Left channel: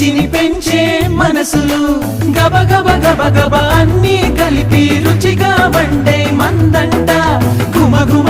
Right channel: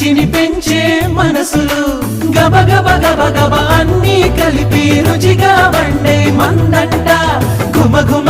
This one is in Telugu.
రుచిని పెంచే మనసులు గబ గబ గబ గబ అన్నీ కలిపి రుచిగా వండే మందంట గుమ గుమ